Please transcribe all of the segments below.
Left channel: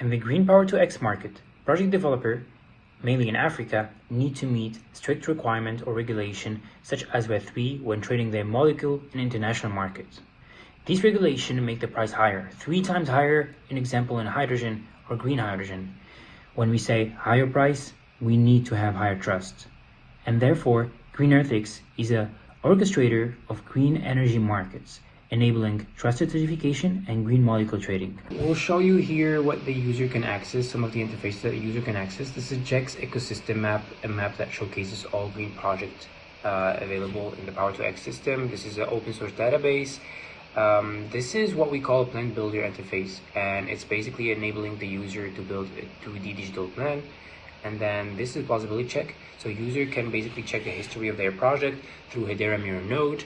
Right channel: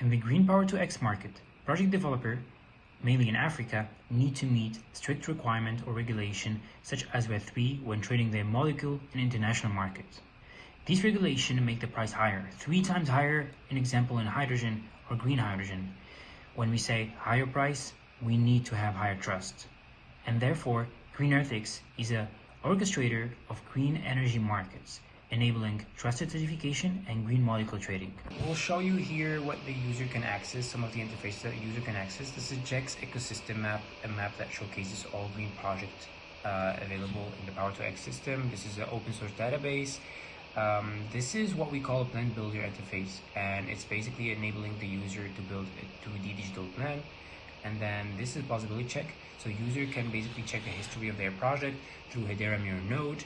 In the Green Power to X market, project developer, mainly in Africa, need to meet strict requirement or regulation such as Web3 when trading their molecule in international markets. These regulations make the price higher, 3 times higher, in example in hydrogen or green hydrogen. When we say higher price, we need to have higher trust. And therefore, GreenEarthX is an orchestrator of green energy markets, enabling trusted certification and green molecule trading. We'll show you here what the user can access, some of the interfaces that the user can access. This is JEX ecosystem map, a map that showcases all green projects available in the Power2X system. This is an open source database. This is what we call a plan builder interface, and it's basically enabling the user to build a 2D digital plan. And then this is plausibility check, so user can basically check the history of their project through Hedera Mirror node.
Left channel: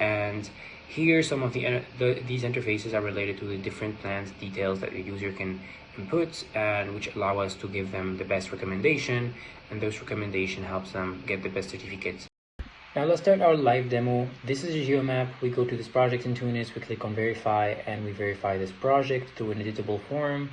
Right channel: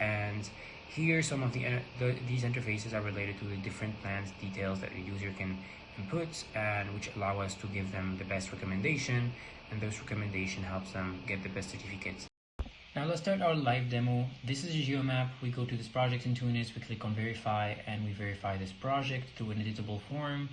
And here some of these interfaces are related to the different plans details that the user can input, and which allow us to give them the best recommendation, and those recommendation helps them get the best certificates. Now let's start our live demo. This is a geomap. We go to this project in 2 minutes, we click on verify, and we verify this project through an editable form.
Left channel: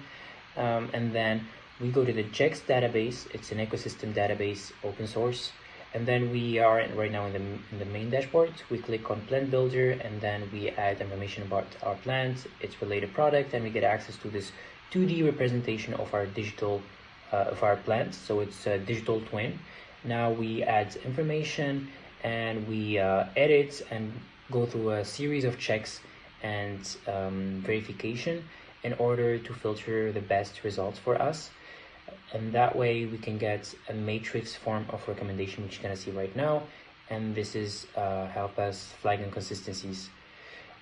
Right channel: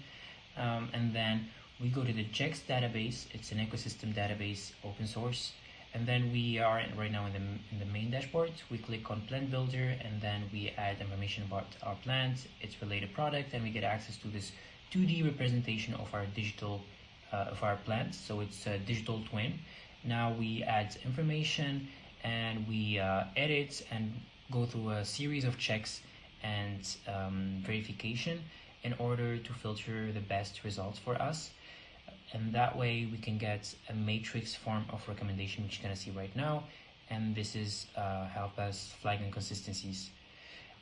And then we go to the JEX database. It's an ecosystem database, open source. And then we are right now in the main dashboard. We click on plant builder, and then we add information about our plant, its related product, and we get access to this 2D representation of our digital of our plant. So it's a digital twin. Now we add information, and we edit and go through a series of checks and verification in order to filter the best results for us. And that way we can get a matrix form of recommendation, which you're going to see right now. And this is help us flag inconsistencies.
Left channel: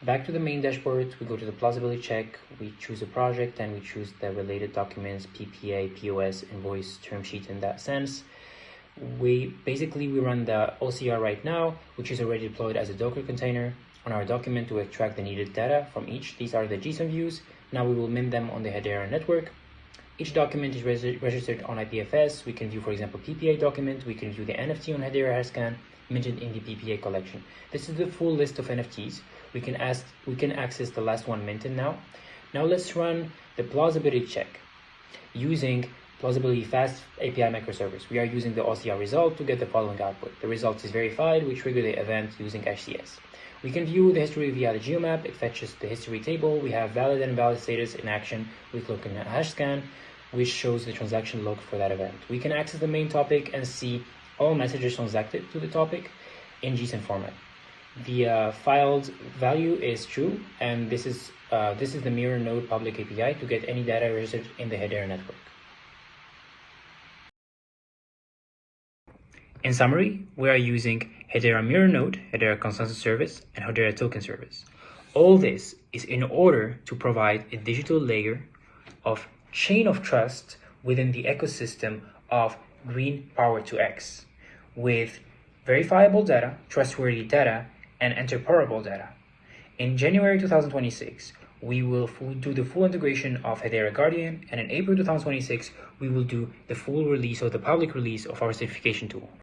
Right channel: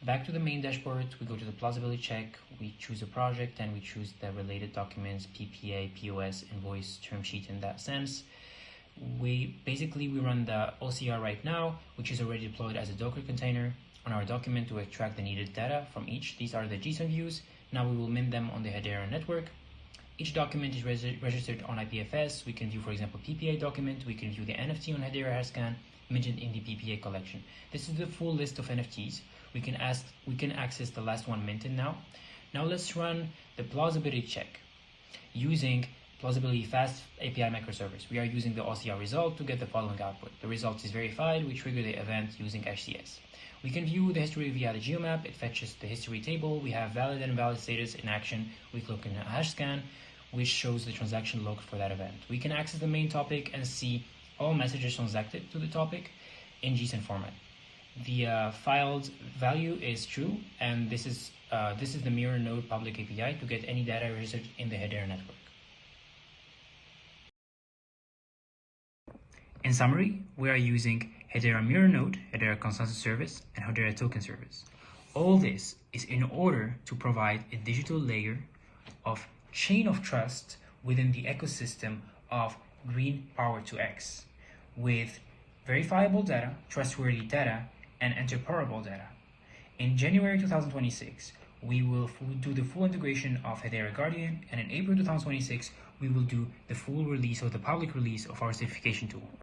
Back to the main dashboard, we go to the plausibility check, we choose a project, and we choose the related documents, PPA, POS, invoice, term sheet in that sense. We run the OCR right now, which is already deployed as a Docker container on our document to extract the needed data from each. These are the JSON views. Now we will min them on the Hedera network. Each document is registered on IPFS. We can view, for example, PPA document. We can view the NFT on Hedera Hashscan mentioned in the PPA collection. This is the full list of NFTs. We can access the last one minted now. Now let's run the plausibility check using plausibility fast API microservice. We are using the OCR result to get the following output. The result is verified. We trigger the event using HCS. We can view the history via the geomap. It fetches the history table. We have valid and invalid status in action. We look in Hashscan, which shows the transaction log for that event. We can access the main topic and see all messages transacted to the topic in JSON format. The filed value is true, and this is the mirror node public API to get any data registered in the Hedera network. In summary, we are using Hedera Mirror Node, Hedera Consensus Service, and Hedera Token Service. All this is in order to provide a digital layer of chain of trust within the ecosystem of Green Power to X with verifiable data, trustworthy data, and interoperable data. In January 2026, we will do the full integration of Hedera Guardian, and in April 2026, we will do the full release or the public release of our certification tool.